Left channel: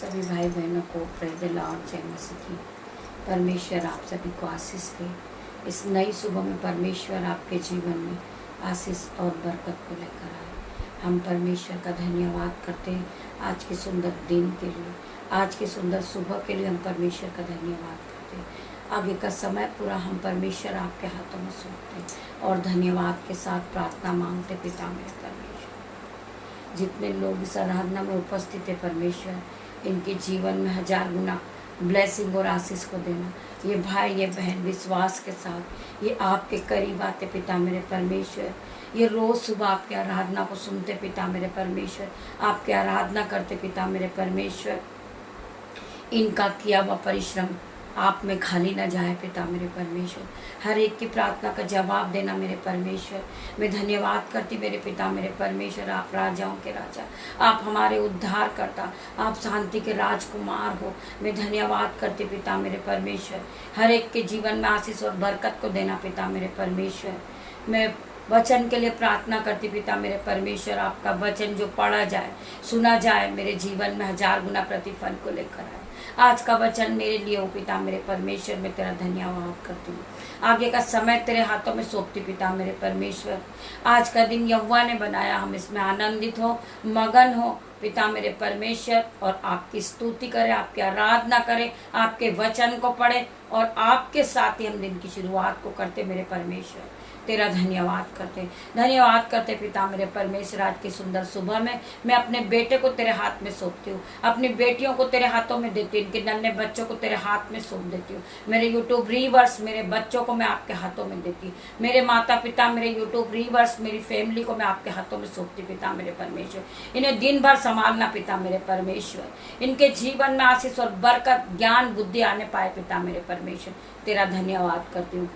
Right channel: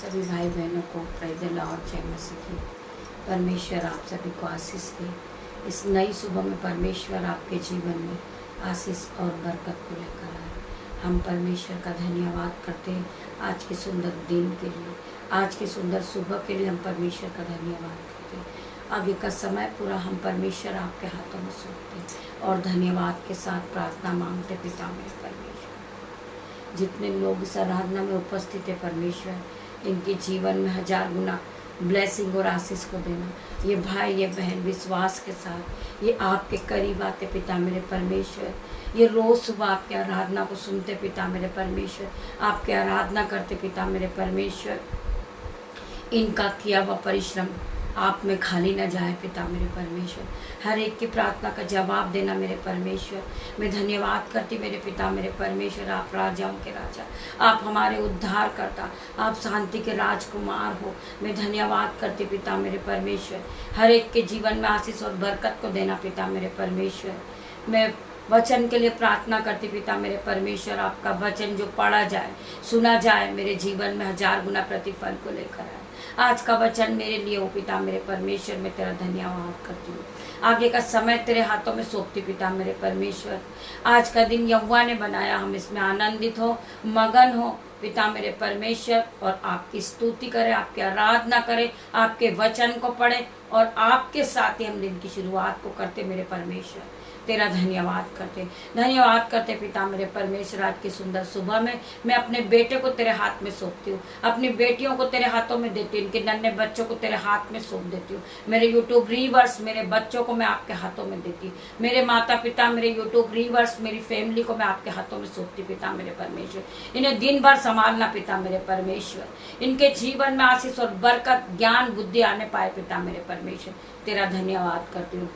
सभी भाई बहनों को प्रेज़ द लॉर्ड, जय मसीह की। परमेश्वर आप सभी को आशीष दे। इस नई सुबह में परमेश्वर आपके जीवन में आशीष और बरकत को लेकर आए। हम परमेश्वर का धन्यवाद करते हैं आज के सुंदर दिन के लिए, आज की सुंदर सुबह के लिए हम परमेश्वर का धन्यवाद करते हैं। आगे का समय पूरा हम परमेश्वर आपके हाथों में सौंपते हैं और धन्यवाद के साथ प्रार्थना मांगते, पिता मेरे परमेश्वर। जितने लोग इस आराधना में उपस्थित है परमेश्वर, इनके जीवन में 1000 गुना ब्लेसिंग और आशीष को देना। ये भाई ये बहन विश्वास के साथ ये आपके करीब आते पिता मेरे परमेश्वर। ये रोज सुबह आपके आराधना को सुनते पिता मेरे परमेश्वर, आपके आराधना करते पिता मेरे परमेश्वर। इनका किया हुआ परिश्रम आप में खाली न जाए पिता मेरे परमेश्वर। हर एक की प्रार्थना का जवाब देना मेरे परमेश्वर। मैं धन्यवाद करती मेरे पिता मेरे परमेश्वर। आप राजाओं के राजा, आप हमारे उद्धार करता, आप शांति के राजकुमार हो। मैं धन्यवाद करती पिता मेरे परमेश्वर। हर एक के जीवन में आशीष और बरकत को देना पिता मेरे परमेश्वर। मैं वचन के लिए प्रार्थना करती पिता मेरे परमेश्वर। आपका वचन जो पढ़ा जाए, सुना जाए, मेरे जीवन में 1000 गुना प्रतिफल को लेकर आए। आज का वचन मेरे लिए हो पिता मेरे परमेश्वर। मैं तेरा धन्यवाद करती हूँ। आगे का समय तेरे हाथों में सौंपती पिता मेरे परमेश्वर। आज का दिन यहोवा ने बनाया, हम इसमें आनंदित हो, मगन हो पिता मेरे परमेश्वर, और आपकी स्तुति करें, आपकी आराधना करें, आपके वचन को पढ़े और आपके साथ ही हम दिन की शुरुआत को करते मेरे परमेश्वर। तेरा धन्यवाद करते पिता मेरे परमेश्वर। आज की सुंदर सुबह में मैं अपने बेटे को तेरे हाथ में सौंपती हूँ, अपनी बेटियों को तेरे हाथों में देती हूँ, इनके नन्हे बच्चों को तेरे हाथ में सौंप देती हूँ। मेरे यूट्यूब रीवर्स, मेरे बच्चों को मैं आपके हाथों में देती हूँ। मेरे माता पिता, मेरे यूट्यूब रीवर्स, मेरी फैमिली को मैं आपके हाथों में सौंपती पिता मेरे परमेश्वर। इन्हें दिन भर संभालना पिता मेरे परमेश्वर। इनके जीवन में आशीष और बरकत, ज्ञान, बुद्धि आने पाए पिता मेरे परमेश्वर। तेरा धन्यवाद करती हूँ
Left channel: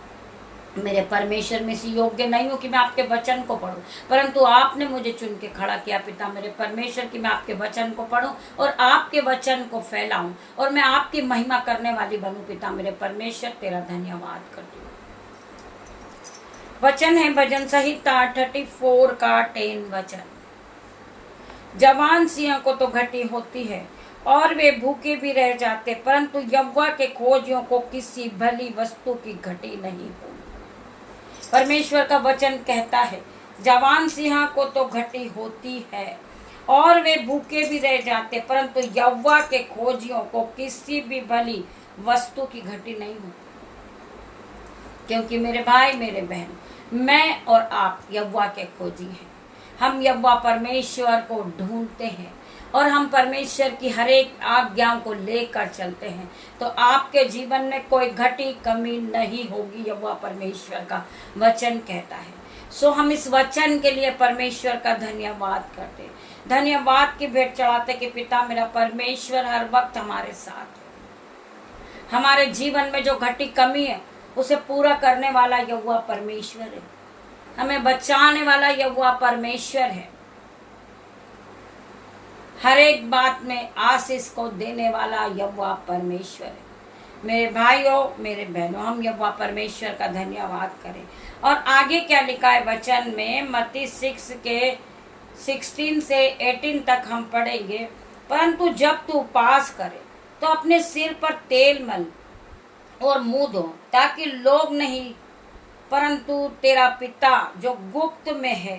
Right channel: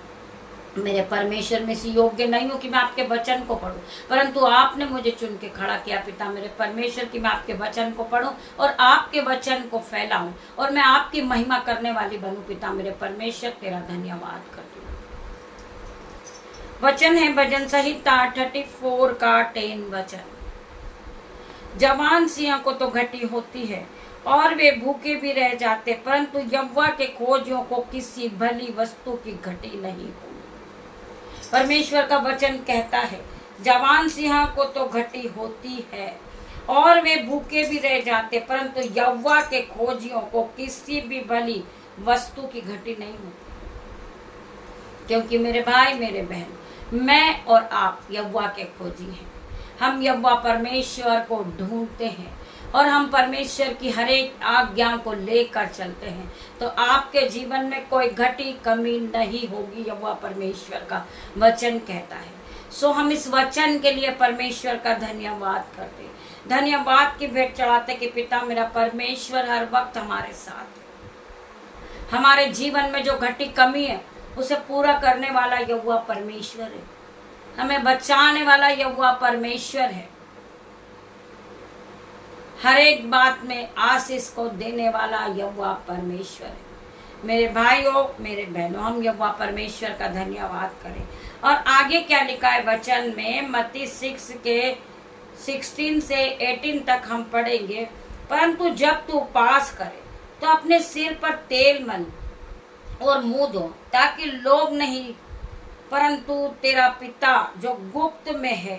मेरे परमेश्वर। में से योग्य नहीं हूँ कि मैं आपके वचन को पढूं, परंतु आपने मुझे चुन के खड़ा किया पिता मेरे परमेश्वर कि मैं आपके वचन को पढूं और आपके वचन को फैलाऊं और मैं आपकी महिमा करने वाली बनूं पिता मेरे परमेश्वर। तेरा धन्यवाद करती हूँ। वचन है भजन संहिता 34 का 10 वचन। जवान सिंह को तो घटी होती है और वे भूखे भी रह जाते, परंतु यहोवा के खोजियों को किसी भली वस्तु की घटी नहीं होगी। परमेश्वर का वचन कहता है जवान सिंह को तो घटी होती है और वे भूखे भी रह जाते, परंतु यहोवा के खोजियों को किसी भी भली वस्तु की घटी नहीं होती। क्योंकि मेरे भाई मेरे बहन, मैं और आप यहोवा के खोजी हैं। हम यहोवा परमेश्वर को ढूंढते हैं और हम परमेश्वर की हर एक आज्ञाओं को लेकर चलते हैं, तो आपके जीवन में कोई घटी कमी नहीं होगी। यहोवा परमेश्वर का वचन कहता है। सो हम इस वचन के लिए परमेश्वर का धन्यवाद करते हैं, धन्यवाद की भेंट चढ़ाते कि पिता मेरा परमेश्वर हर वक्त हमारे साथ है। हमारे जीवन में जो घटी कमी है उसे पूरा करने वाला यहोवा परमेश्वर है। हमें बचाने वाला यहोवा परमेश्वर है। हर एक बात में आशीष को देने वाला यहोवा परमेश्वर है। मेरे भाइयों मेरे बहनों, हम यहोवा परमेश्वर का धन्यवाद करें। और आगे क्या लिखा है वचन में, मत्ती 6 के 16 से 18 तक हम पढ़ेंगे। परंतु जब तू उपवास करे तो अपने सिर पर तेल मल और मुंह धो, ताकि लोग नहीं परंतु तेरा पिता जो गुप्त में है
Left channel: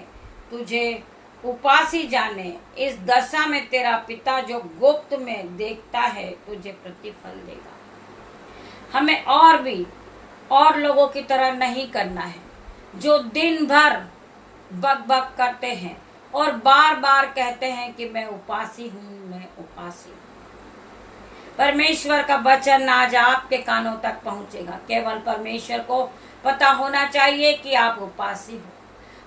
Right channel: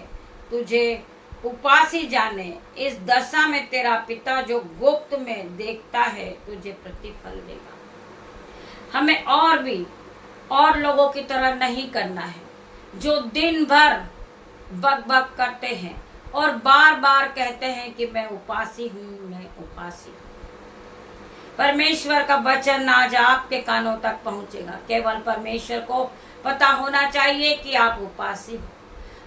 तुझे उपासी जाने। इस दशा में तेरा पिता जो गुप्त में देखता है तुझे प्रतिफल देगा। हमें और लोगों की तरह नहीं करना है जो दिन भर बक करते हैं और बार बार कहते हैं कि मैं उपासी हूँ, मैं उपासी हूँ। परमेश्वर का वचन आज आपके कानों तक पहुंचेगा। केवल परमेश्वर को पता होना चाहिए कि आप उपासी हो,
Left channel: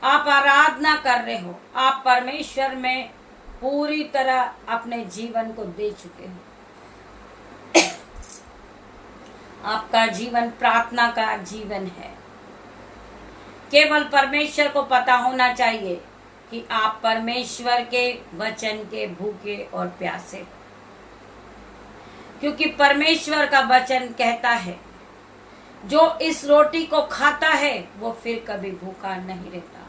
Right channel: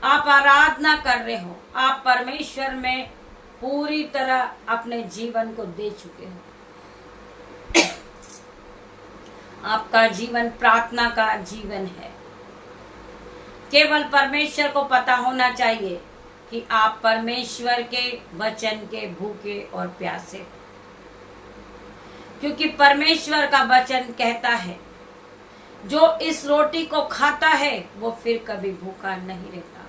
आप आराधना कर रहे हो, आप परमेश्वर में पूरी तरह अपने जीवन को दे चुके हो। आपका जीवन प्रार्थना का जीवन है। केवल परमेश्वर को पता होना चाहिए कि आप परमेश्वर के वचन के भूखे और प्यासे, क्योंकि परमेश्वर का वचन कहता है जो इस रोटी को खाता है वो फिर कभी भूखा नहीं रहता,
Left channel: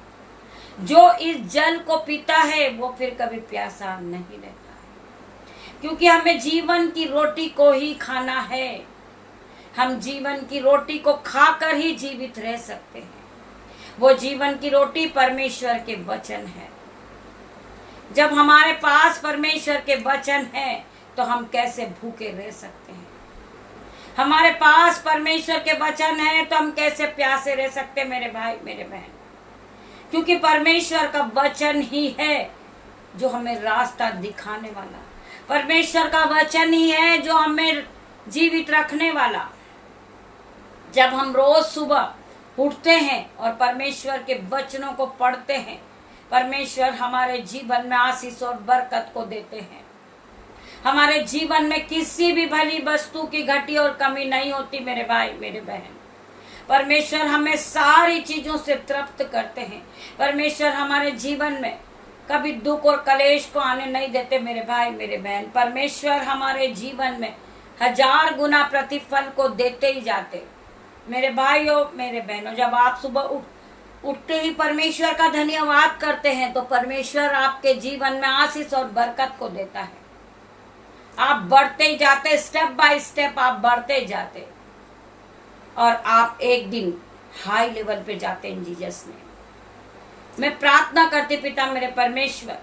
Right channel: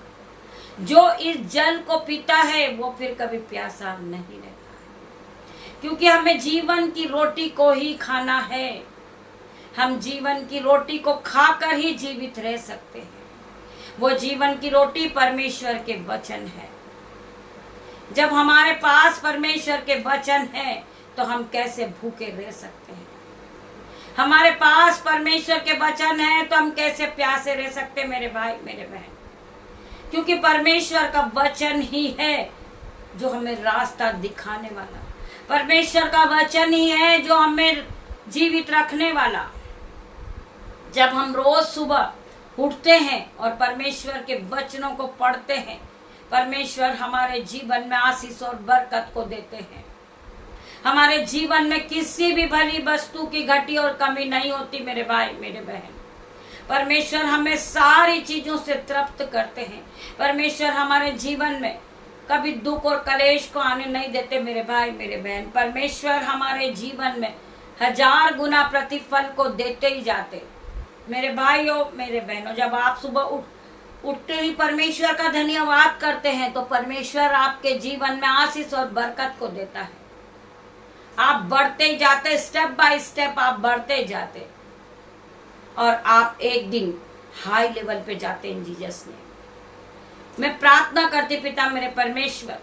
जो इस जल को पीता है वो फिर कभी प्यासा नहीं रहता है। क्योंकि हमें जीवन की रोटी को ही खाना है। हम जीवन की रोटी को खाकर ही जीवित रह सकते हैं। वो जीवन की रोटी परमेश्वर के वचन है। जब हमारे पास परमेश्वर के वचन है तो हम कैसे भूखे रह सकते हैं। हमारे पास परमेश्वर के वचन है तो हम कैसे प्यासे रह सकते हैं मेरे भाई मेरे बहन। क्योंकि परमेश्वर का वचन ही है जो हमें रास्ता दिखाने वाला। परमेश्वर का वचन ही है जो हमें जीवित रखने वाला। जब हम रोज सुबह उठते हैं और परमेश्वर के वचनों को पढ़ते हैं, परमेश्वर हमारे जीवन में आशीष और बरकत को देते हैं। हमारे जीवन में किसी भी भली वस्तु की घटी और कमी नहीं होती मेरे भाई मेरे बहन। परमेश्वर हमें सारी चीजों से तृप्त करते हैं। परमेश्वर हमारे जीवन में कभी दुख और कलेश को आने नहीं देते मेरे भाई मेरे बहन। परमेश्वर हमारे जीवन में 1000 गुना प्रतिफल को देते ही जाते मेरे भाइयों मेरे बहनों। जब आप सुबह उठते ही परमेश्वर का धन्यवाद करते हैं तो परमेश्वर आपके जीवन में आशीष और बरकत को देता है। आप बढ़ते ही जाते, स्टेप बाय स्टेप आप बढ़ते ही जाते और आप एक दिन हाई लेवल पे जाते इन जीसस ने। मैं प्रार्थना करती पिता मेरे परमेश्वर,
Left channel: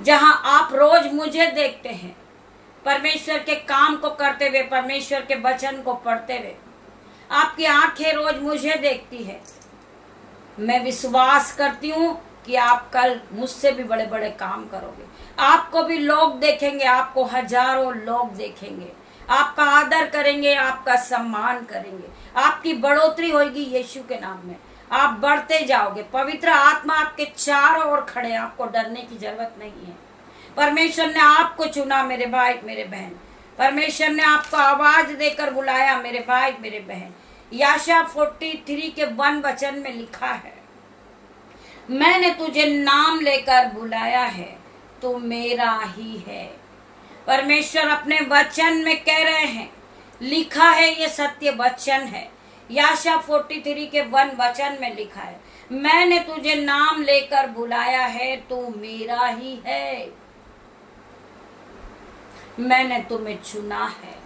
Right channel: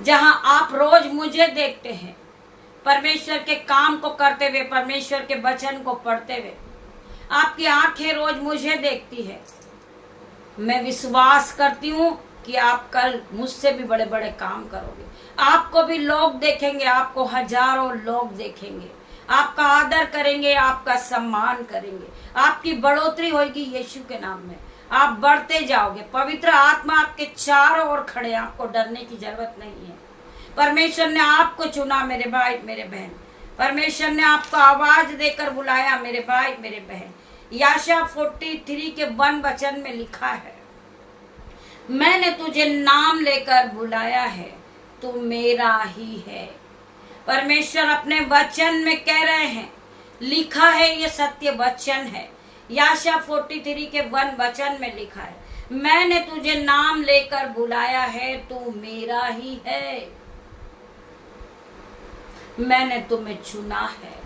जहां आप रोज मुझे देखते हैं परमेश्वर के काम को करते हुए, परमेश्वर के वचन को पढ़ते हुए, आपकी आंखें रोज मुझे देखती है। मैं विश्वास करती हूँ कि आप कल मुझसे भी बड़े बड़े काम करोगे। आपको भी लोग देखेंगे, आपको हजारों लोग देखेंगे, आपका आदर करेंगे, आपका सम्मान करेंगे, आपकी बढ़ोतरी होगी यीशु के नाम में। आप बढ़ते जाओगे। पवित्र आत्मा आपके चारों ओर खड़े, आपको डरने की जरूरत नहीं है। परमेश्वर ने आपको चुना मेरे भाई मेरे बहन। परमेश्वर ने आपको आवाज देकर बुलाया मेरे भाई मेरे बहन। यशायाह 43 के 1 वचन में लिखा है, मैंने तुझे नाम लेकर बुलाया है, तू मेरा ही है। परमेश्वर अपने वचन में कह रहे हैं, लिखा है, ये सत्य वचन है। यशायाह 43 के 1 वचन में लिखा है, मैंने तुझे नाम लेकर बुलाया है, तू मेरा ही है। मैंने तुम्हें चुना है।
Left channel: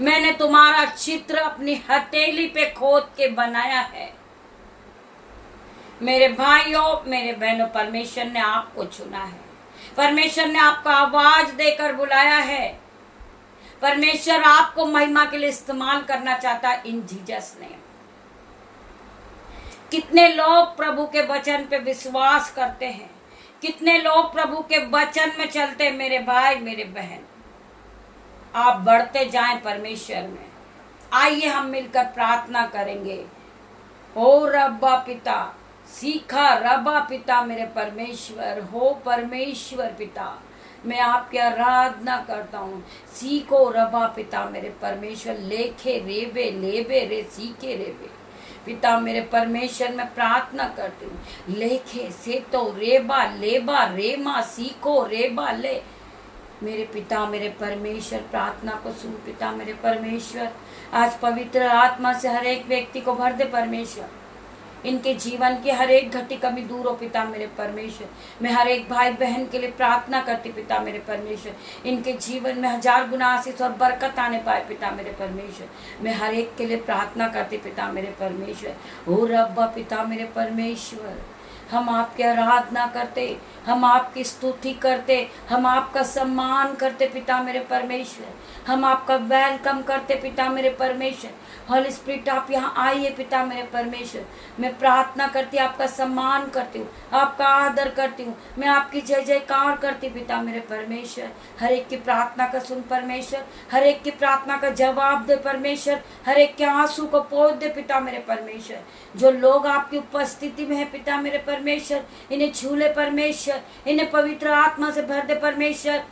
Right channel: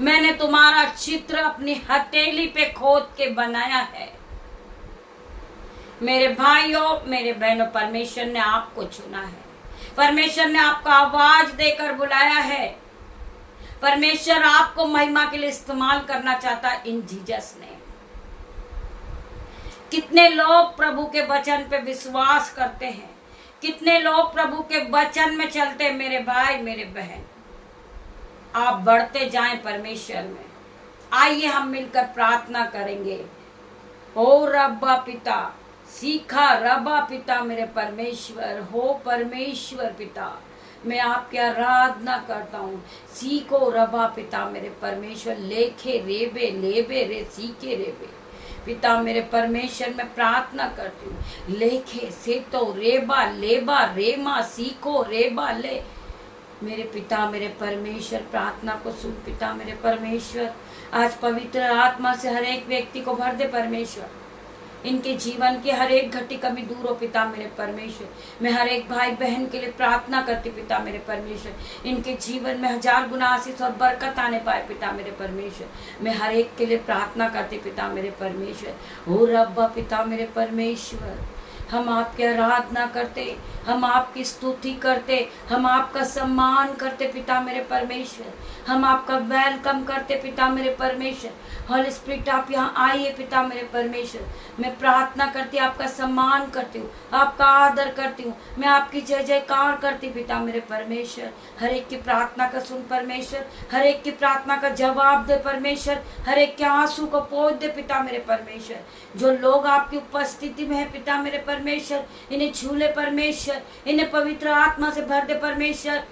मैंने तुम्हारा चित्र अपनी हथेली पे खोद के बनाया है। मेरे भाइयों मेरे बहनों, परमेश्वर ने आपको चुना है। परमेश्वर ने आपको आवाज देकर बुलाया है। परमेश्वर आपको महिमा के लिए इस्तेमाल करना चाहता है इन जीसस ने। कितने लोग प्रभु के वचन पे विश्वास करते हैं, कितने लोग प्रभु के वचन में चलते हैं मेरे भाई मेरे बहन। आप बढ़ते जाएं परमेश्वर में। आइए हम मिलकर प्रार्थना करेंगे। ओ रब्बा पिता, सीखा रब्बा पिता मेरे परमेश्वर, हो परमेश्वर पिता, मैं आपकी आराधना करता हूँ। सीखो रब्बा पिता मेरे परमेश्वर, लेखे रेबे लेबे रे सीखे रेबे पिता मेरे परमेश्वर, मैं प्रार्थना करती हूँ। लेखे से तो रेबा लेबा रेमा सीखो रेबा ले मेरे पिता मेरे परमेश्वर, प्रार्थना को सुन पिता मेरे परमेश्वर। आज पवित्र आत्मा से हर एक व्यक्ति को भर दे परमेश्वर। इनके जीवन की हर एक घटी कमी दूर हो पिता मेरे परमेश्वर। मैं हर एक भाई बहन के लिए प्रार्थना करती पिता मेरे परमेश्वर, इनके जीवन में 1000 गुना आशीष और बरकत आने पाए पिता मेरे परमेश्वर। मैं हर एक के लिए प्रार्थना करती पिता मेरे परमेश्वर। ओ रब्बा पिता मेरे परमेश्वर, हम आपकी आराधना करते, हम आपकी स्तुति करते, हम आपका सम्मान करते पिता मेरे परमेश्वर। हम आपका वेलकम करते पिता मेरे परमेश्वर। होली स्पिरिट आप यहाँ आइए पिता मेरे परमेश्वर। मैं प्रार्थना करती, आपका सम्मान करती हूँ, आपका आदर करती हूँ, मैं आपकी जय जयकार करती पिता मेरे परमेश्वर। हर एक की प्रार्थना का सुन परमेश्वर, हर एक की प्रार्थना का जवाब दे परमेश्वर, हर एक के आंसू को पोंछ दे पिता मेरे परमेश्वर। जो लोग आपकी उपस्थिति में है पिता मेरे परमेश्वर, इन्हें छू ले परमेश्वर, इन्हें पवित्र आत्मा से भर दे परमेश्वर।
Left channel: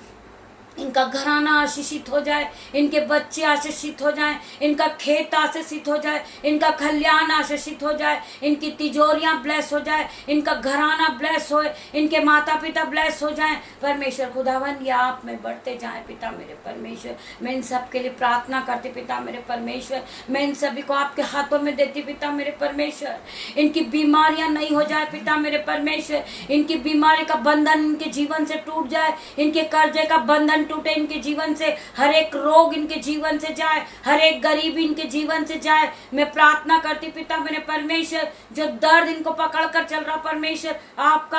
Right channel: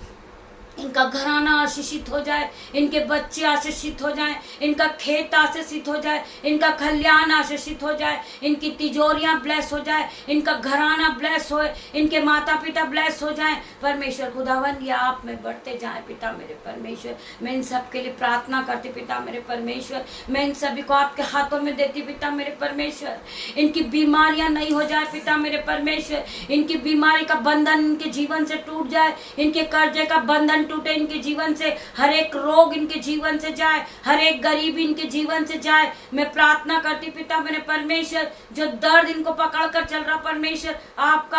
इनका घराना आशीषित हो जाए, इनके बच्चे आशीषित हो जाएं, इनका खेत आशीषित हो जाए, इनका खलियान आशीषित हो जाए, इनकी तिजोरियां ब्लेस हो जाए, इनका घराना ब्लेस हो, इनके माता पिता ब्लेस हो जाएं। परमेश्वर खुदावन ये आप में बढ़ते जाएं पिता मेरे परमेश्वर। मैं इन सब के लिए प्रार्थना करती पिता मेरे परमेश्वर। मैं इन सभी को आपके हाथों में देती पिता मेरे परमेश्वर। इनकी बीमारियां नहीं हो जाए पिता मेरे परमेश्वर। इनकी बीमारी का बंधन इनके जीवन से टूट जाए, इनके कर्जे का बंधन टूटे इनके जीवन से, हर एक रोग इनके जीवन से जाए, हर एक गरीबी इनके जीवन से जाए। मैं प्रार्थना करती पिता मेरे परमेश्वर, जो दर्द इनको पकड़ कर चल रहा परमेश्वर, आपका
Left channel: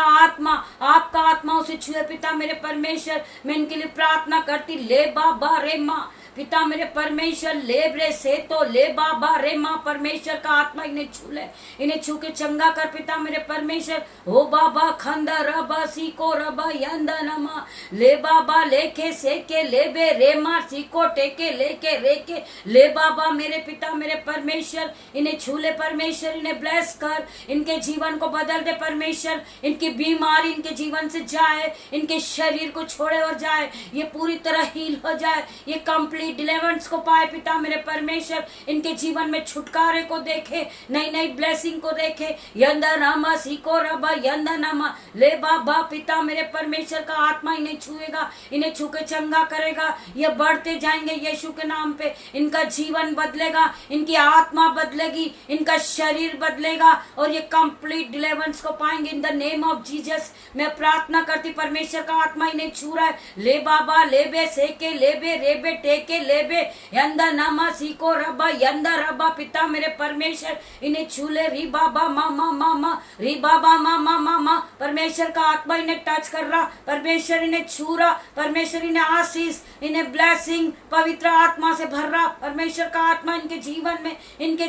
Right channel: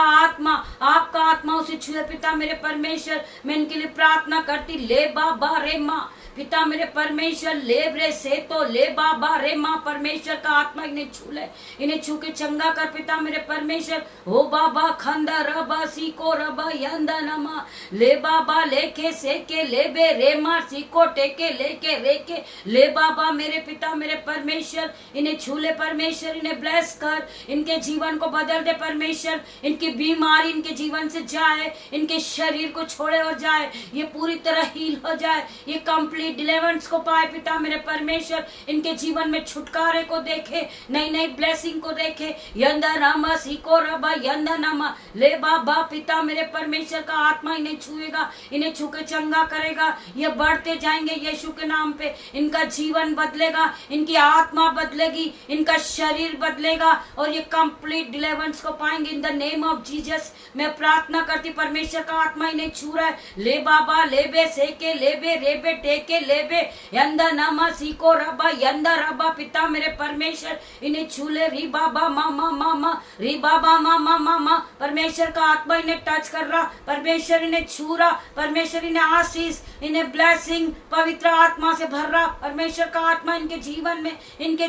आत्मा उसे छुए पिता मेरे परमेश्वर। मैं इनके लिए प्रार्थना करती, ले बाबा रे माँ पिता मेरे परमेश्वर, ले रे से तो ले बाबा रे माँ परमेश्वर का आत्मा इन्हें छू ले, इन्हें छू के चंगा कर पिता मेरे परमेश्वर। हो बाबा खंदा रबा सीको रबा यंदा नमा, ले बाबा लेके सेके ले बे रे मार सीको टेके लेके रेके ले बाबा मेरे पिता मेरे परमेश्वर। इन्हें छू ले परमेश्वर, इन्हें ब्लेस कर, इनके जीवन को बदल दे परमेश्वर। इनकी बीमारी इनके जीवन से जाए, इनके शरीर को छोड़े और जाए, ये पूरी तरह हील हो जाए, ये कंप्लीट डिलीवरेंस को पाए पिता मेरे परमेश्वर। इनके जीवन में छुटकारे को देखे, नई नई ब्लेसिंग को देखे। यंदा नामा सीको रबा यंदा नामा, ले बाबा पिता मेरे परमेश्वर का आत्मा इन्हें छुएगा, इन्हें छू के चंगा करेगा। ये बढ़ते जाएंगे यीशु के नाम पे, इनका जीवन बदलेगा, इनकी आत्मा बदलेगी, इनका शरीर बदलेगा और ये कंप्लीट डिलीवरेंस को पाएंगे in the name of Jesus. मैं प्रार्थना करती परमेश्वर का आत्मा इन्हें छू रहा है। ले बाबा ले बे सेके ले बे रे बे टेके ले बे यंदा नामा सीको रबा यंदा रबा पिता मेरे परमेश्वर। इन्हें छू ले, री बाबा मामा मामा री बाबा मामा मामा। परमेश्वर का आत्मा इन्हें टच कर रहा, परमेश्वर इन्हें छू रहा, परमेश्वर इन्हें आशीष, इन्हें ब्लेसिंग पवित्र आत्मा से भर रहा। परमेश्वर का आत्मा इनके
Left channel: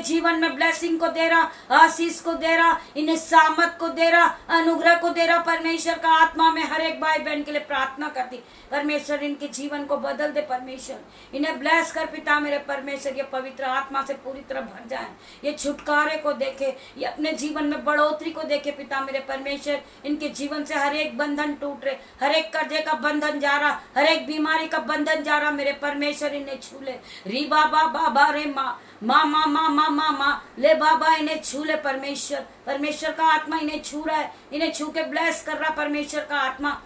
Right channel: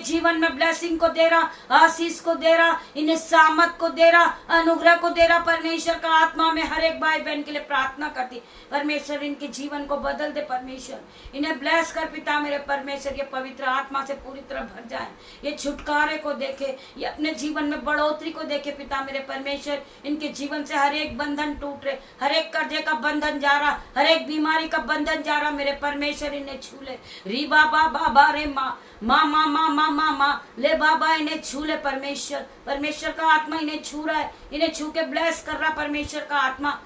जीवन में ब्लेसिंग को दे रहा, आशीष को दे रहा, इन्हें सामत को दे रहा, अनुग्रह को दे रहा। परमेश्वर का आत्मा में हर एक भाई बहन के लिए प्रार्थना करती, परमेश्वर इनके जीवन को बदल दे परमेश्वर, इन्हें ब्लेस कर पिता मेरे परमेश्वर। ये पवित्र आत्मा से पूरी तरह भर जाए, ये छुटकारे को देखे, ये अपने जीवन में बढ़ोतरी को देखे पिता मेरे परमेश्वर। इनके जीवन से हर एक बंधन टूट रहे, हर एक कर्जे का बंधन जा रहा, हर एक बीमारी का बंधन जा रहा मेरे परमेश्वर। इन्हें छू ले, री बाबा बाबा रे माँ माँ माँ माँ माँ माँ माँ ले बाबा, इन्हें छू ले परमेश्वर। परमेश्वर का आत्मा इन्हें छू रहा है, इन्हें छू के ब्लेस कर रहा परमेश्वर का आत्मा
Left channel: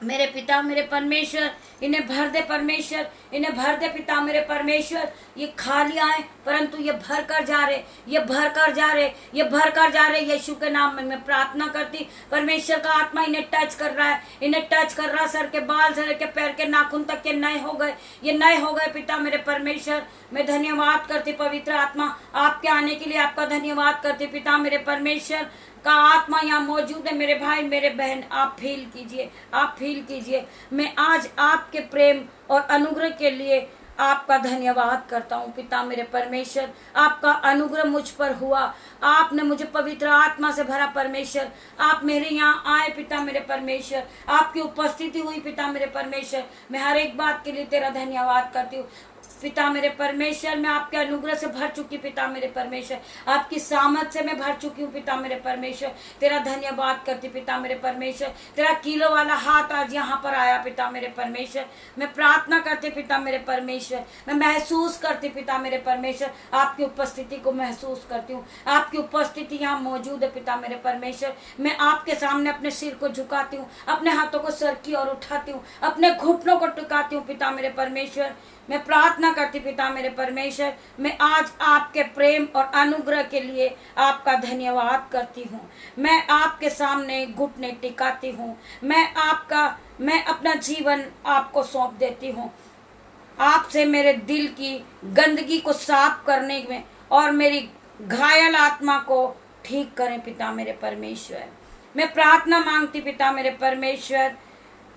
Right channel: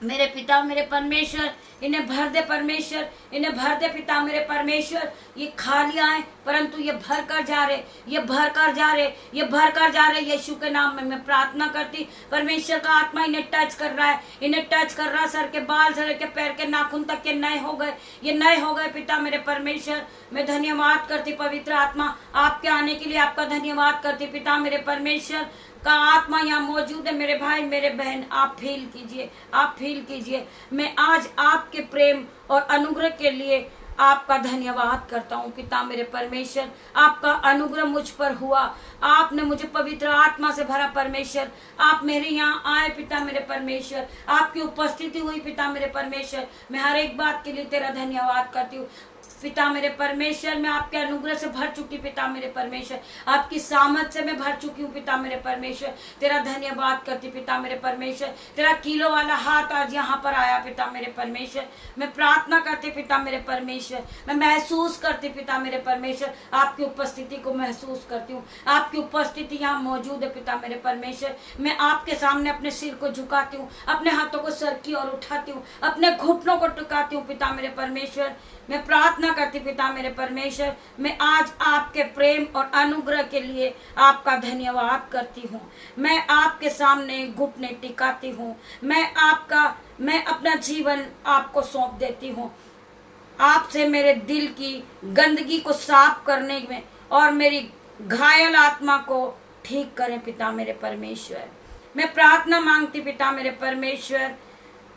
मेरे पिता मेरे परमेश्वर। इन्हें भर दे परमेश्वर, इन्हें भर दे पिता मेरे परमेश्वर। ये खाली आए परंतु ये भर कर जा रहे, ये भर कर जा रहे, ये भर कर जा रहे। यीशु के नाम में मैं प्रार्थना करती, परमेश्वर का आत्मा इन्हें टच कर रहा है, इन्हें टच कर रहा। सर के बाल से लेकर पैर के नाखून तक के नए हो गए, ये नए हो गए पिता मेरे परमेश्वर। मैं धन्यवाद करती पवित्र आत्मा, आपके आने के लिए आपका धन्यवाद करती पिता मेरे परमेश्वर का आत्मा यहाँ मौजूद है। मेरे भाई मेरे बहन, आप फील कीजिए, आप फील कीजिए। मैं आज आपके प्रेम और अनुग्रह के लिए आपका धन्यवाद करता हूँ पिता मेरे परमेश्वर। आपका अनुग्रह मुझ पर हुआ, आपने मुझे पवित्र आत्मा से भरा परमेश्वर। आप मेरे यहाँ आए पिता मेरे परमेश्वर, आपकी उपस्थिति हुई पिता मेरे परमेश्वर। मैं हर एक बात के लिए तेरा धन्यवाद करती हूँ पिता मेरे परमेश्वर। मैं आपके अनुग्रह से भर चुकी पिता मेरे परमेश्वर, आपकी सामर्थ से मैं भर चुकी हूँ पिता मेरे परमेश्वर। तेरा धन्यवाद करती पिता मेरे परमेश्वर। तेरा किलो वाला हाथ आज यहाँ पर आया पिता मेरे परमेश्वर। मैं प्रार्थना करती पिता मेरे परमेश्वर, मैं महसूस करती पिता मेरे परमेश्वर, आपकी उपस्थिति को महसूस करती हूँ। आपकी उपस्थिति यहाँ मौजूद है पिता मेरे परमेश्वर। मैं आपके सामने अपने सिर को झुकाती हूँ, अपने हाथों को सर की ओर उठाती हूँ, अपने घुटनों को टिकाती हूँ पिता मेरे परमेश्वर। मैं प्रार्थना करती पिता मेरे परमेश्वर, मैं आज आपके प्रेम और अनुग्रह के लिए आपका धन्यवाद करती हूँ। मैं आपके सामने घुटने टिकाती हूँ, मैं अपना जीवन आपको सौंप देती हूँ। आपसे मेरे दिल की गंदगी को साफ करने में और मेरी घायल आत्मा को ठीक करें पिता मेरे परमेश्वर। मैं प्रार्थना मांगती पिता मेरे परमेश्वर,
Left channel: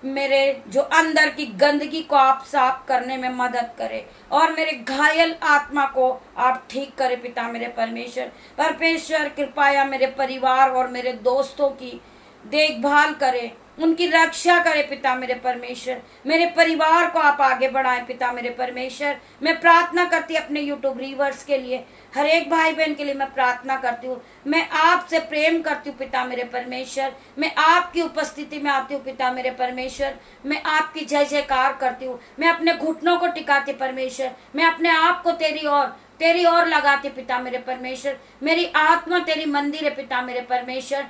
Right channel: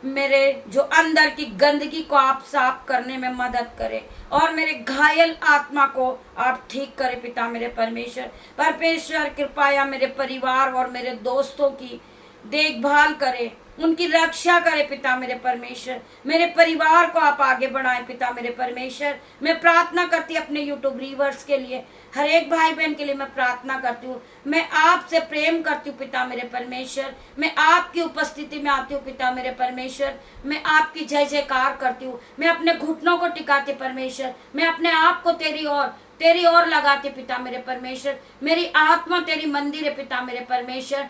मेरे जो अंदर की गंदगी को आप साफ करने में मदद करें और मेरे घायल आत्मा को आप ठीक करें पिता मेरे परमेश्वर। परमेश्वर कृपया मेरे परिवार और मेरे दोस्तों की देखभाल करें, उनकी रक्षा करे पिता मेरे परमेश्वर। मेरे परिवार को आप आगे बढ़ाएं पिता मेरे परमेश्वर। मैं प्रार्थना करती अपने यूट्यूब व्यूअर्स के लिए, हर एक भाई बहन के लिए मैं प्रार्थना करती हूँ। मैं आपसे प्रेम करती हूँ पिता मेरे परमेश्वर। मैं आपकी उपस्थिति में आती हूँ पिता मेरे परमेश्वर। मैं आपकी जय जयकार करती हूँ। मैं अपने घुटनों को टिकाती परमेश्वर। मैं अपने आप को तेरी ओर लगाती पिता मेरे परमेश्वर। मेरी आत्मा तेरी मंदिर है पिता मेरे परमेश्वर।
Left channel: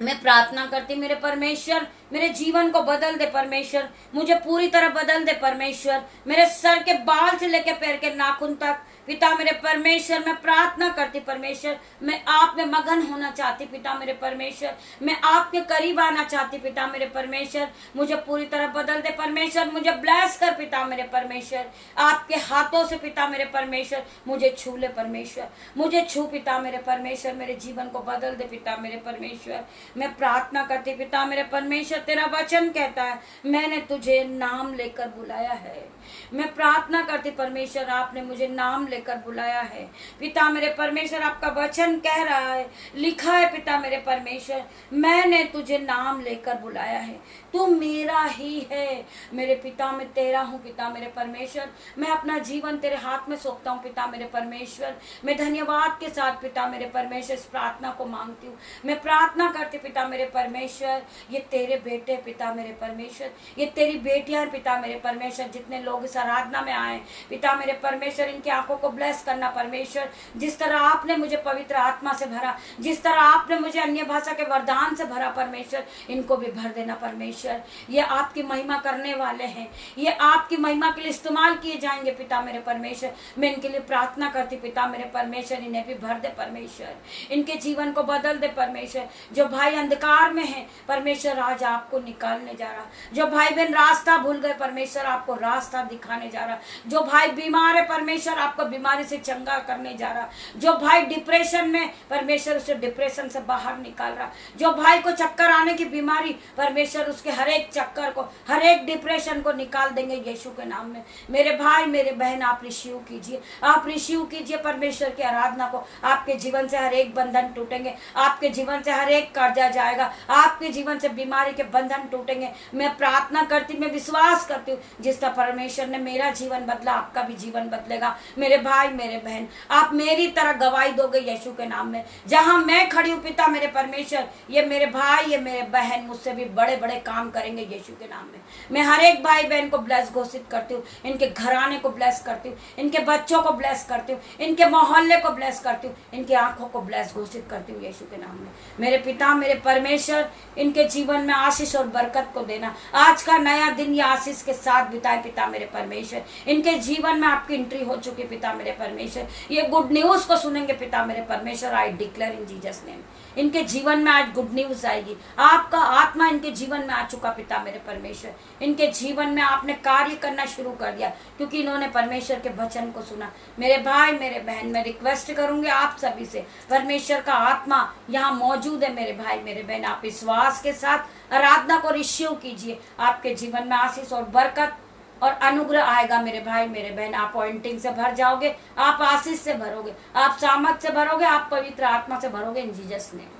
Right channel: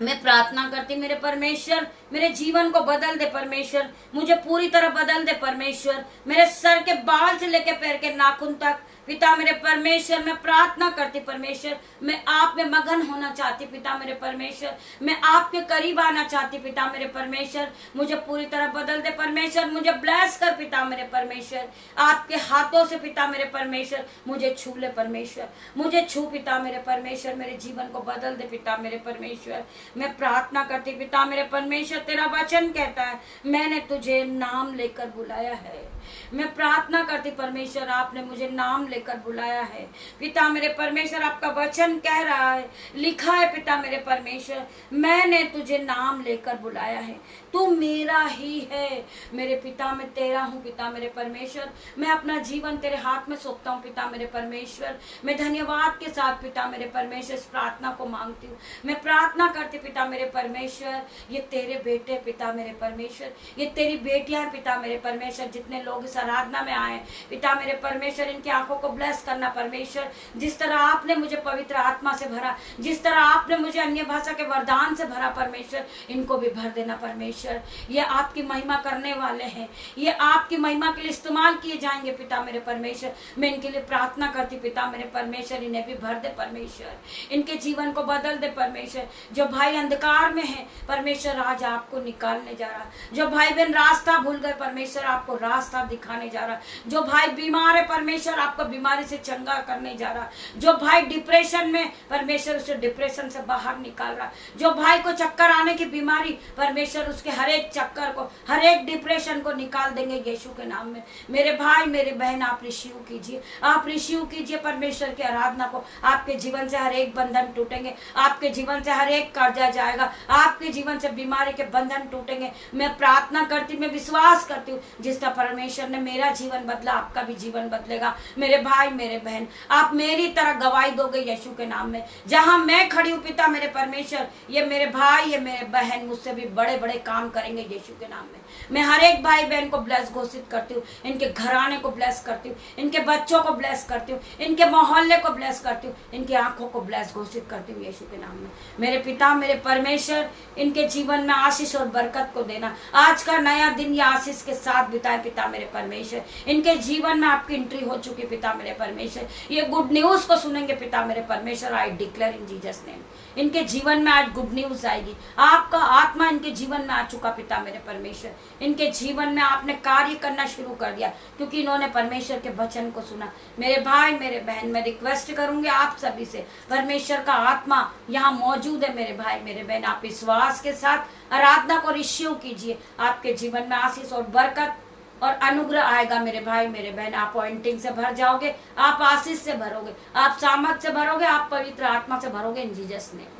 मैं प्रार्थना करती मेरे परमेश्वर, मेरे जीवन को बदल दे परमेश्वर। मुझे पूरी तरह बदल दे परमेश्वर। मेरे सर के बाल से लेकर पैर के नाखून तक पिता मेरे परमेश्वर मैं प्रार्थना करती परमेश्वर। मैं आप में मगन होना चाहती पिता मेरे परमेश्वर। मैं आपके करीब आना चाहती पिता मेरे परमेश्वर। मुझे पूरी तरह बदल दे परमेश्वर। मुझे ब्लेस कर पिता मेरे परमेश्वर। आपके हाथों से पिता मेरे परमेश्वर मुझे छू ले परमेश्वर। मुझे छू पिता मेरे परमेश्वर। मेरे जीवन को बदल दे पिता मेरे परमेश्वर। मैं प्रार्थना करती पिता मेरे परमेश्वर। तेरा वचन कहता है मैंने तुझे नाम लेकर बुलाया है। मैं प्रार्थना करती परमेश्वर, आपने मुझे नाम लेकर बुलाया है पिता मेरे परमेश्वर। आपका वचन कह रहा है, लिखा है पिता मेरे परमेश्वर, मैंने तुझे नाम लेकर बुलाया है, तू मेरा ही है। मेरे पिता मैं तेरा हूँ पिता मेरे परमेश्वर। मैं अपना जीवन तेरे हाथ में सौंपता हूँ पिता मेरे परमेश्वर। मैं धन्यवाद के साथ पिता मेरे परमेश्वर इस प्रार्थना को मांगती हूँ। मैं प्रार्थना करती पिता मेरे परमेश्वर, ये तेरे बेटे पिता मेरे परमेश्वर, ये तेरी बेटियां हैं पिता मेरे परमेश्वर। जितने लोग इस आराधना में आए पिता मेरे परमेश्वर, इनकी आंखों को ब्लेस करना परमेश्वर। जिस तरह आपने मुझे पवित्र आत्मा से भरा, जिस तरह आपने मुझे अन्य भाषा के वरदान से भरा परमेश्वर, इनको भी भर देना परमेश्वर। ये आपकी महिमा करने वाले हैं, ये आपकी महिमा के लिए इस्तेमाल किए जाएंगे पिता मेरे परमेश्वर। मैं इनके लिए प्रार्थना करती पिता मेरे परमेश्वर, इन्हें भी भर दे परमेश्वर, इनके जीवन को बदल दे परमेश्वर। जो भाई अंधकार में है परमेश्वर आज आपको निकालने जा रहा। जो भाई बहन रास्ता भूल गए परमेश्वर आपको रास्ता दिखाने जा रहा। जो भाई बीमार है परमेश्वर आपको बीमारी से चंगा करने जा रहा। जो भाई डिप्रेशन में परमेश्वर उसे डिप्रेशन से बाहर निकाल रहा। जो भाई को चक्कर आने की बीमारी परमेश्वर उसके हर एक चक्कर को, हर एक डिप्रेशन को निकाल देंगे यीशु के नाम में। मेरे भाई मेरे बहन आप रिसीव कीजिए, आप रिसीव कीजिए परमेश्वर की आराधना को। आपके जीवन से हर एक बंधन टूटेंगे, आपके जीवन से हर एक कर्जा जाएगा, आपके जीवन से बीमारी के बंधन टूटेंगे। मैं प्रार्थना करती, मैं विश्वास करती हूँ जिस तरह परमेश्वर ने मेरा जीवन बदला आपका भी जीवन बदलेगा। मेरे भाई मेरे बहन आप मेरी तरह गवाही दोगे यीशु के नाम में। जहां मैं खड़ी हूँ पिता मेरे परमेश्वर, ये मेरे भाई ये मेरे बहन मुझसे भी बड़े बड़े काम करेंगे यीशु के नाम में। मैं हर एक भाई बहन को ब्लेस घोषित करती हूँ, इनके घराने को ब्लेस करती हूँ, इनके बच्चों को ब्लेस करती हूँ, इनके मोहल्ले को ब्लेस करती हूँ, इनकी आंखों को ब्लेस घोषित करती हूँ यीशु के नाम में। मेरे पिता मेरे परमेश्वर इनके जीवन में आशीष और बरकत को देना। आज का नया दिन ये आशीष के साथ बिताए पिता मेरे परमेश्वर। इनके जीवन में आपकी एंट्री हो चुकी पिता मेरे परमेश्वर। ये गुड न्यूज को सुनेंगे पिता मेरे परमेश्वर। I declare in Jesus name इनके जीवन में आज गुड न्यूज आएगी। आपका आत्मा इनके जीवन में आ चुका पिता मेरे परमेश्वर। इनके जीवन में आपने कार्य करना शुरू कर दिया क्योंकि इन्होंने परमेश्वर के वचन को सुना। मेरे भाई मेरे बहन मैं रिक्वेस्ट करूंगी आप सभी से, परमेश्वर का आत्मा यहाँ मौजूद है। मेरे भाई मेरे बहन आप विश्वास के साथ आराधना को रिसीव कीजिए। आपके जीवन में आशीष और बरकत और अनुग्रह आएगा। मेरे भाई मेरे बहन आप पॉइंटिंग से भर जाओगे, आप आशीष से भरोगे, आप सामर्थ से भरोगे, आप पवित्र आत्मा से भरोगे इन जीसस नेम।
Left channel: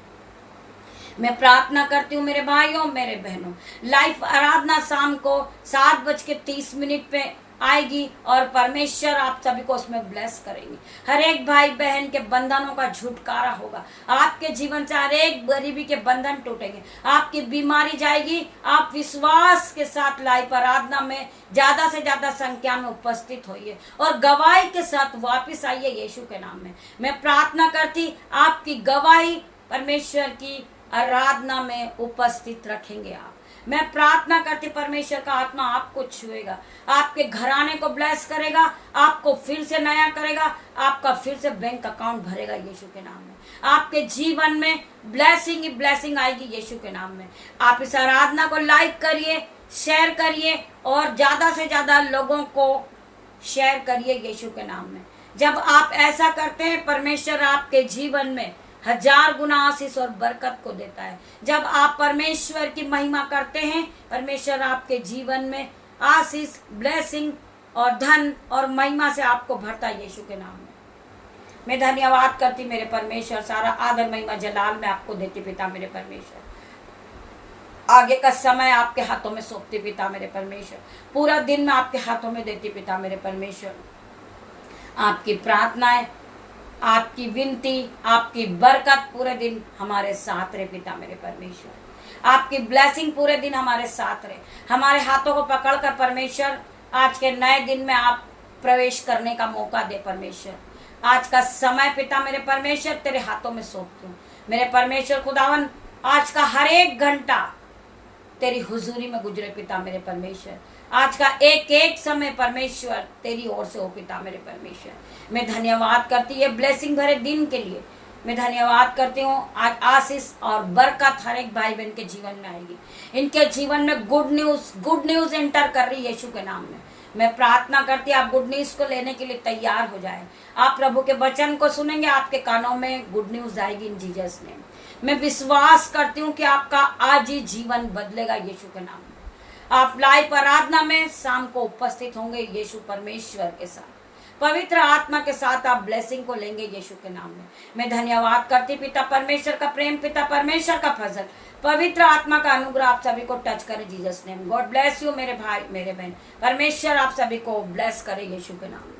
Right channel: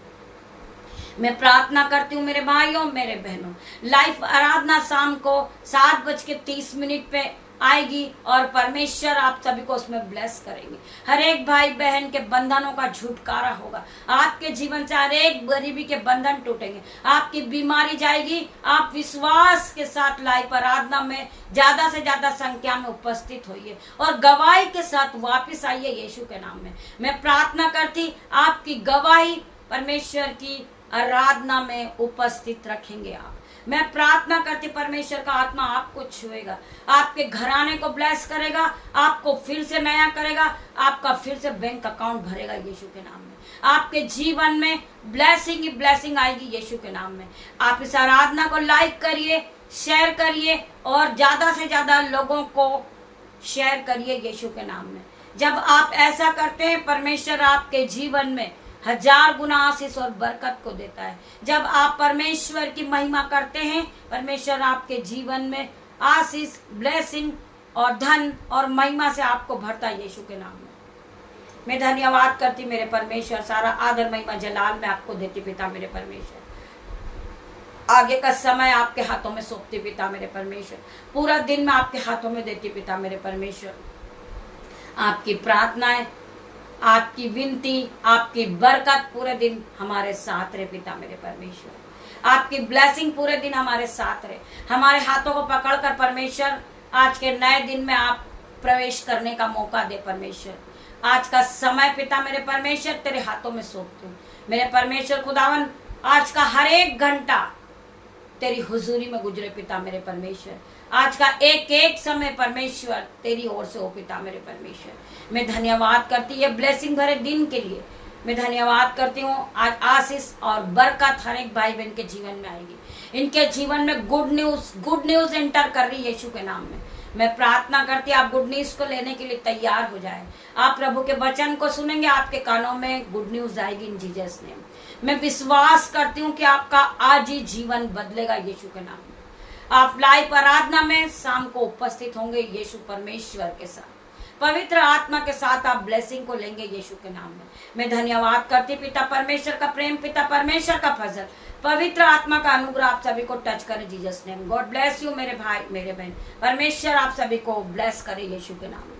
मैं प्रार्थना करती हूँ मेरे भाइयों मेरे बहनों, लाइव आराधना शाम को 7:30 पे आएगी और परमेश्वर आप सभी को उसमें ब्लेस करेंगे। हर एक भाई बहन के बंधनों का छुटकारा होगा। आपके जीवन से हर एक गरीबी के बंधन टूटेंगे, आपकी बीमारी जाएगी। आप विश्वास के साथ लाइव आराधना में ज्यादा से ज्यादा संख्या में उपस्थित होइए और गवाही के साथ वापस आइए यीशु के नाम में। मैं प्रार्थना करती आपकी गवाही परमेश्वर की आराधना में उपस्थित रखेंगे आप। मैं प्रार्थना करती परमेश्वर का आत्मा आपको छुएगा, आपके घराने को ब्लेस करेगा, आपको फिर से नया करेगा, आपका फिर से बैंक अकाउंट भरेगा यीशु के नाम में। आपके जीवन में ब्लेसिंग ही ब्लेसिंग आएगी यीशु के नाम में। आप इस आराधना को लाइक करिए, शेयर करिए और ज्यादा से ज्यादा लोगों को शेयर करिए यीशु के नाम में। जब आप ऐसा करते हैं परमेश्वर आपके जीवन में 1000 गुना आशीष और बरकत को देता है। जब आप परमेश्वर की महिमा करते हैं परमेश्वर आपके जीवन में आशीष ब्लेसिंग और धन और महिमा से आपको भरता है यीशु के नाम में। मैं धन्यवाद करती मेरे परमेश्वर, सारा आदर महिमा जलाल मैं आपको देती पिता मेरे परमेश्वर। आगे का समय आपके हाथों में सौंपती पिता मेरे परमेश्वर। पूरा दिन मैं आपके हाथों में देती पिता मेरे परमेश्वर। आपकी प्रार्थनाएं, आपकी विनती, आपकी बरकत पूरे दिन हमारे साथ रहे पिता मेरे परमेश्वर। आपकी ब्लेसिंग पूरे दिन हमारे साथ रहे। हमारे हाथों को पकड़कर परमेश्वर आज के नए दिन में आप प्रवेश करने का मौका दे परमेश्वर। आज का समय पिता मेरे परमेश्वर तेरे हाथों में सौंपती हूँ मेरे परमेश्वर खुदावन। आज का हर एक घंटा तेरी हुजूरी में गुजरे पिता मेरे परमेश्वर। आज का एक एक समय परमेश्वर तेरी ओर से हो पिता मेरे परमेश्वर। मैं धन्यवाद करती है ब्लेसिंग भरे दिन के लिए। मैं धन्यवाद करती हूँ आज आशीष और बरकत हर एक भाई बहन के जीवन में आएगी। इनके जीवन में गुड न्यूज एंटर कर रही है यीशु के नाम में। मैं प्रार्थना करती हूँ आप गुड न्यूज को लेने के लिए तैयार हो जाए। आप प्रभु के वचन को सुनेंगे, आपके कानों में गुड न्यूज आएगी इन जीसस नेम। मैं विश्वास करती हूँ कि आपका आज ही जीवन बदलेगा यीशु के नाम में। आप लाइव आराधना में शाम को उपस्थित होंगे यीशु परमेश्वर के साथ, पवित्र आत्मा के साथ आप ब्लेसिंग को लेंगे यीशु के नाम में। मैं धन्यवाद करती पिता परमेश्वर का प्रेम, पिता परमेश्वर का फजल, पवित्र आत्मा का अनुग्रह आप सभी को टच करे Jesus name. God bless you मेरे भाई मेरे बहन। परमेश्वर आप सभी को ब्लेस करे यीशु के नाम में।